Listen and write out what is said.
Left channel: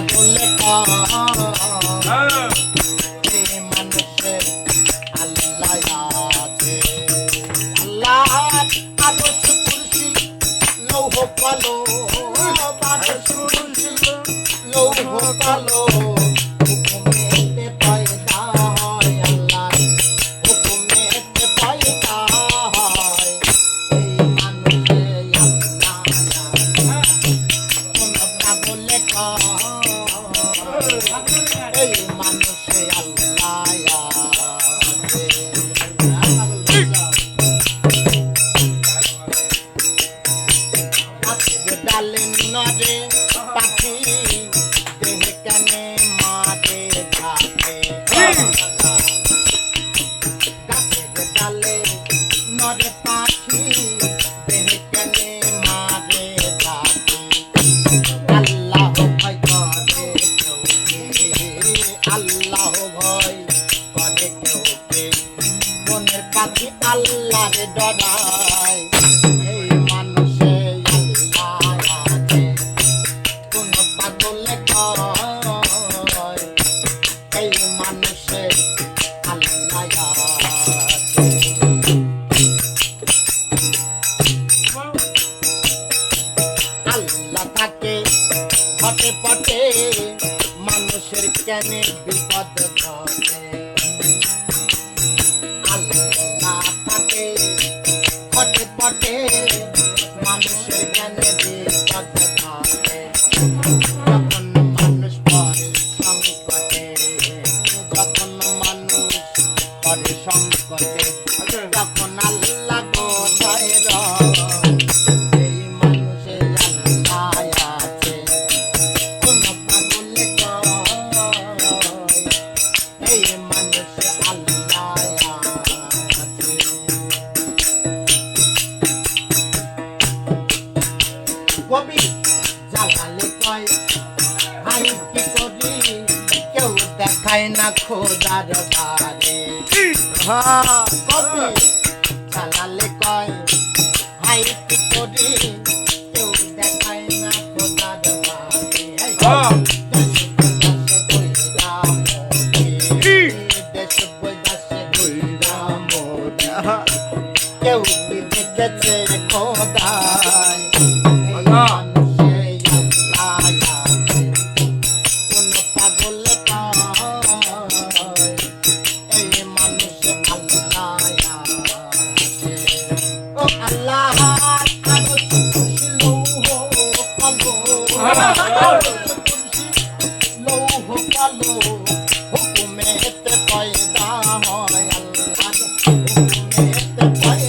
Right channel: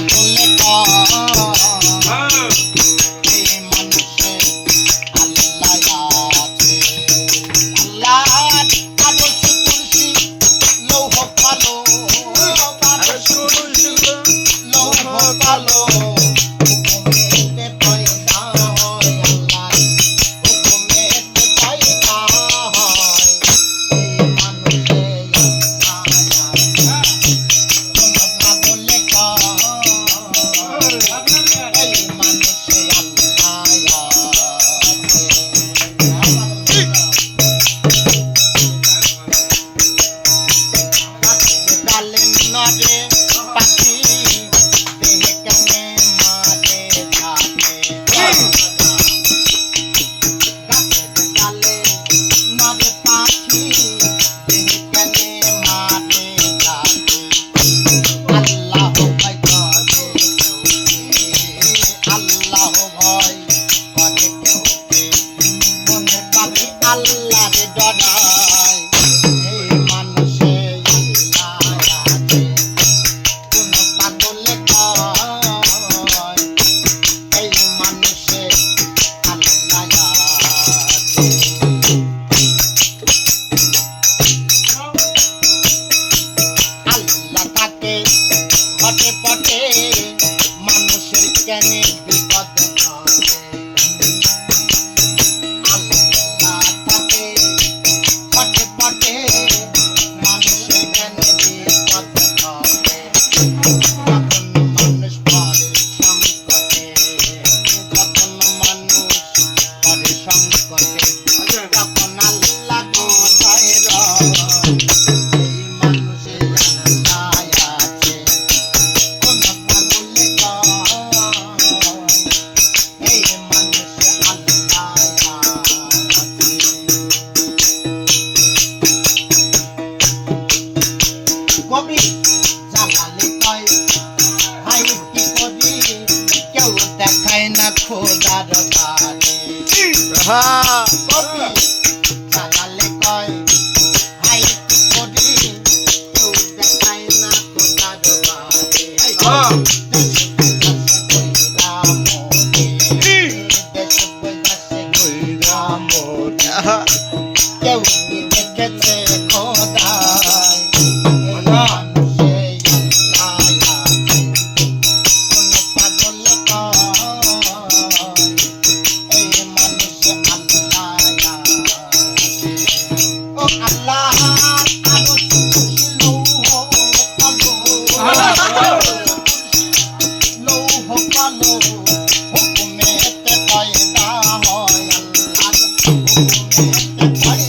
পাগলে এই মানুষের আল্লাহ আছে আল্লাহ আরশ কুরসি লৌহ কালো লৌহ কালো হুকুমেতে পয়দা হয় আল্লাহ হুকুমেতে পয়দা হয় এই মানুষে কোন পাগলে এই মানুষে আল্লাহ আছে ডালে নদে পাখি দেহে কানে মারে থাকে গাছের ডালে নদে পাখি দেহে কানে মারে থাকে আল্লাহ ভয় করে কেউকে আল্লাহ ভয় করে কেউকে মনের পাখি আল্লাহরে ডরায় এই মানুষে আল্লাহ আছে কোন পাগলে কয় এই মানুষে আল্লাহ আছে আল্লাহ থাকে হটে পটে মানুষের কেনে বিপদ ঘটে আল্লাহ থাকে হটে পটে মানুষের কেনে বিপদ ঘটে যখন মানুষ পড়ে সংকটে যখন মানুষ পড়ে সংকটে তখন আল্লাহ কোথায় রয় এই মানুষে আল্লাহ আছে কোন পাগলে কয় এই মানুষে আল্লাহ আছে কবি জালালে কয় ভাই কি করি কেউ দেখায় না খোদার বারে কবি জালালে কয় ভাই কি করি কেউ দেখায় না খোদার বারে দেশে বৈদাসে কইরা মোরে কেউ কি দেখেছে খোদায় এই মানুষে আল্লাহ আছে কোন পাগলে কয় এই মানুষে আল্লাহ আছে ও আল্লাহ আরশ কুরসি লৌহ কালো লৌহ কালো হুকুমেতে পয়দা হয় আল্লাহ হুকুমেতে পয়দা